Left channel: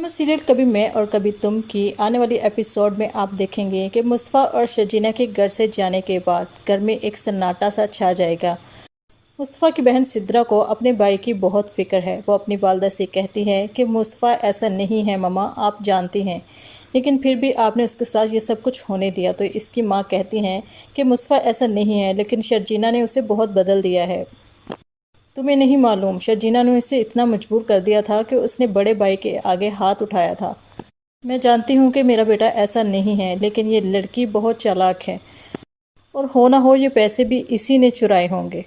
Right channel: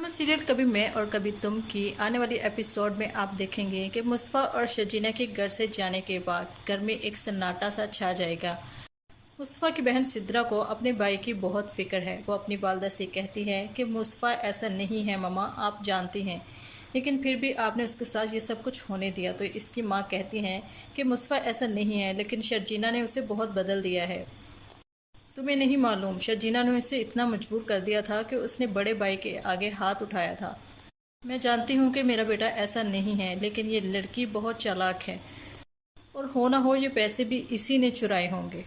Serial कभी मैं और कभी तुम की आने वाली एपिसोड में आप देखेंगे कि मुस्तफ़ा और शर्जीना के घर से जाने के बाद घर में एक सन्नाटा सा छा जाएगा। मुस्तफ़ा की बहन सिद्रा को अपने भाई की बहुत फिक्र है। वो अपनी वालदा से कहती है कि मुस्तफ़ा ऐसा नहीं है मम्मा, आप जानती हैं, लेकिन फिर भी आपने उसके साथ ये सब कुछ होने दिया। तो इसकी माँ कहती हैं कि मुस्तफ़ा ऐसा नहीं है, लेकिन शर्जीना ने उसे बहुत बदल दिया है। तुम्हें नहीं मालूम, शर्जीना ने उसे इतना मजबूर कर दिया था कि उसने बड़े भाई के आगे हाथ उठाया था। मैं जानती हूँ कि मेरा बेटा ऐसा नहीं है, लेकिन ये लड़की बहुत चालाक है और हो ना हो ये पैसे भी इसी ने चुराए होंगे।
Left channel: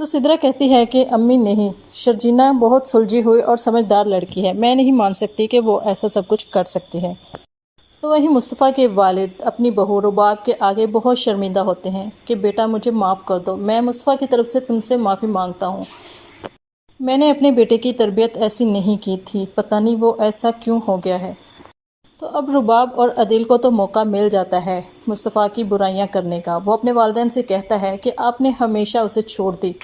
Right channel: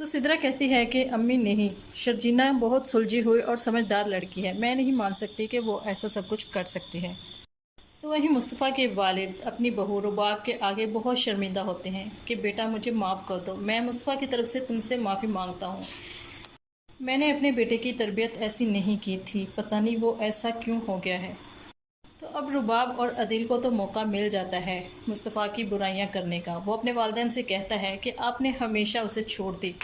तो सिद्रा कहती है कि अम्मी नहीं, शर्जीना बहुत सुलझी हुई और समझदार लड़की है, मैं नहीं मान सकती कि वो ऐसा सब कुछ कर सकती है। तो वहीं मुस्तफ़ा के वालिद अपनी बहू रुबाब के आगे बहुत शर्मिंदा होते हैं कि बेटा मुझे माफ़ कर दो, मैं मुस्तफ़ा की तरफ से तुमसे माफ़ी मांगता हूँ। मैंने अपने बेटे की तरबियत ऐसी नहीं की थी, पता नहीं वो ऐसा क्यों हो गया है। तो अब रुबाब और अदील को तो मौका मिल जाता है मुस्तफ़ा की बुराइयां करने का। वो अपने वालिदैन से कहता है कि आपने हमेशा उसे छोड़ दी,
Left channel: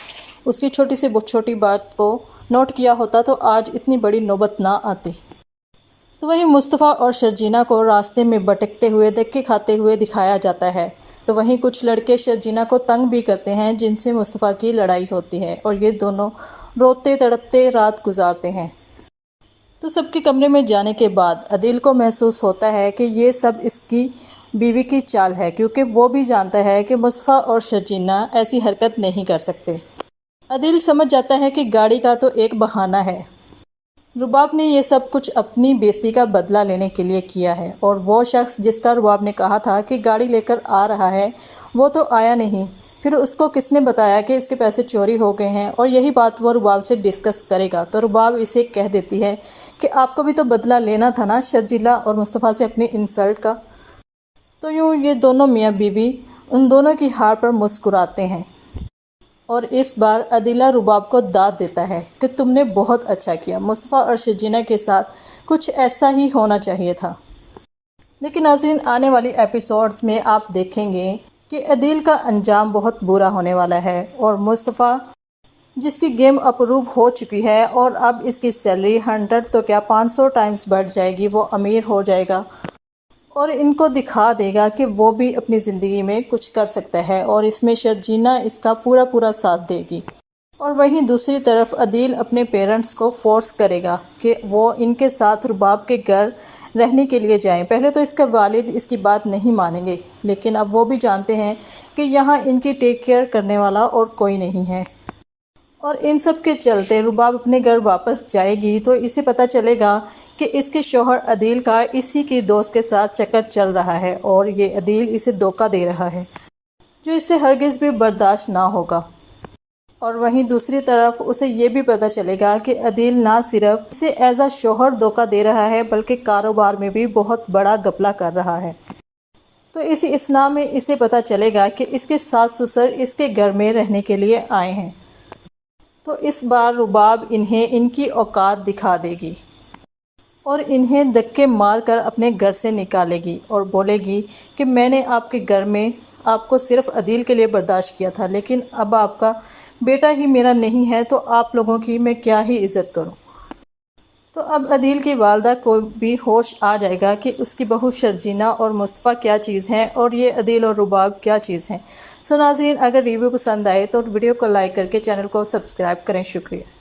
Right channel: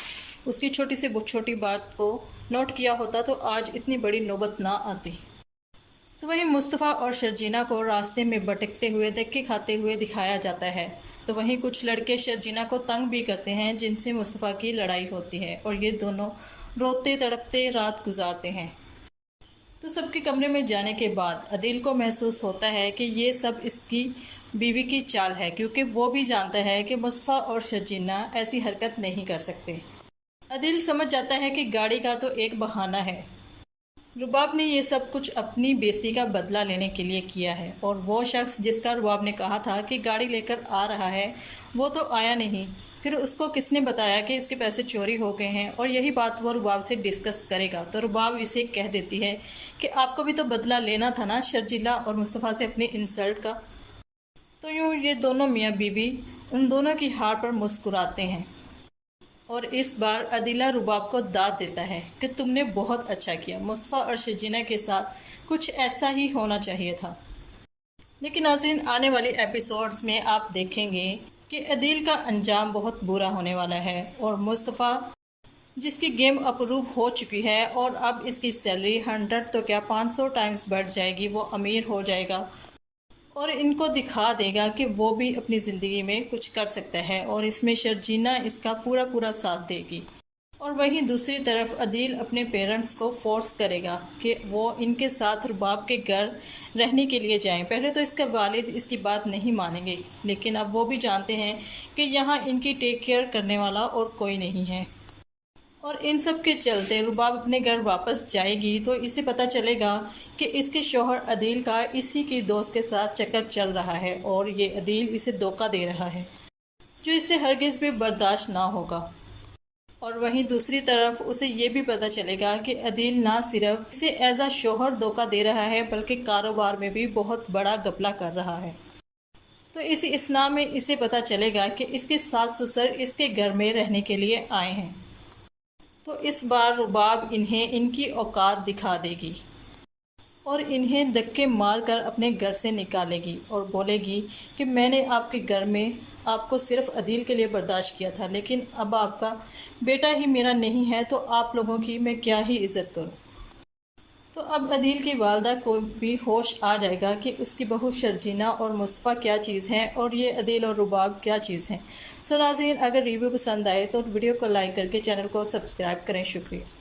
उसकी छोटी से छोटी बात को नोट किया होता तो आज इतनी बड़ी नौबत ना आती। तो वहीं मुस्तफ़ा और शर्जीना को रास्ते में भटकते हुए धक्के खाते हुए दिखाया जाता है। तो वहीं कुछ लड़के शर्जीना को तंग भी करते हैं, जिनसे मुस्तफ़ा की लड़ाई होती है और ये दोनों रोते तड़पते रात गुजारते हैं। तो सबके कमरे में जाने के बाद अदील को महसूस होता है कि ये सब इसकी बीवी की चाल है, क्योंकि वो भी जानता है कि मुस्तफ़ा और शर्जीना ऐसी हरकत नहीं कर सकते। अदील समझ जाता है कि गाड़ी का तो एक बहाना है, रुबाब ने ये सब कुछ अपनी बेइज्जती का बदला लेने के लिए किया है, और वो शख्स जिसका रुबाब ने कहा था कि गाड़ी लेकर आ रहा है वो तो आया नहीं। फिर उसको किसने बताया कि इसके पैसे चोरी हो गए हैं, और यही बात वो रुबाब से डिस्कस करेगा। तो रुबाब इसे कह देती है कि आपको भी तो बदला लेना था ना शर्जीला और मुस्तफ़ा से अपनी इंसल्ट का। तो यूँ ये दोनों मियाँ बीवी उन दोनों की हार पर मुस्कुराते हैं, और इस बार अदीला रुबाब को दाद देता है कि तुमने बहुत अच्छा किया, मुस्तफ़ा और शर्जीना के साथ कुछ ऐसा ही होना चाहिए था। लेकिन नाज़रीन, आने वाली एपिसोड्स में आप देखेंगे कि अदील का अंजाम बहुत बुरा होने वाला है, और मुस्तफ़ा जिसकी गेम अप्रूव हो चुकी है और अब इसकी सैलरी 100 तो क्या 500 टाइम्स बढ़ जाएगी, वो अमीर हो जाएगा और इनको दिखा देगा कि वो भी अपनी ज़िंदगी में कुछ कर सकता है, और इसमें शर्जीना इसका पूरा पूरा साथ देगी। और वहीं दूसरी तरफ अदील अपने पेरेंट्स को फोर्स करेगा कि वो इनके साथ रुबाब के घर रहने के लिए जाएं। पहले तो इसका वालिद इसकी बात नहीं मानेंगे, लेकिन अब वो भी जानते हैं कि यहाँ इनकी टेक केयर करने वाला और कोई नहीं है। और इन सब के चलते रुबाब अपने घर वापस जाएगी तो इसे पता चलेगा कि इसके शौहर अदील का इसी की दोस्त के साथ चक्कर चल रहा है, और ये अदील इसे धोखा दे रहा है, जो इसे हरगिज़ भी बर्दाश्त ना होगा। और वहीं दूसरी तरफ उसे ये भी पता चलेगा कि अदील ना सिर्फ इसे एज अ शौहर धोखा दे रहा है, बल्कि कारोबार में भी बहुत बड़ा घपला कर रहा है। तो इस इसना में इसे पता चलेगा कि इसके सास ससुर इसके घर में रहने के लिए आए हैं। तो इस बार रुबाब इन्हें इनकी औकात दिखा देगी और इन्हें धक्के मार कर अपने घर से निकालेगी और बोलेगी कि मैंने आपके घर में आपको सिर्फ अदील के लिए बर्दाश्त किया था, लेकिन अब आपका बेटा ही मेरा नहीं है, तो आप लोगों की मैं क्या ही इज़्ज़त करूं। तो अब अदील की वालदा को भी होश आ जाएगा कि उसकी बहू शर्जीना और मुस्तफ़ा क्या चीज़ हैं और ये अदील और रुबाब क्या चीज़ हैं। सो नाज़रीन, अगर रिव्यू पसंद आए तो वीडियो को लाइक करके चैनल को सब्सक्राइब करें। शुक्रिया।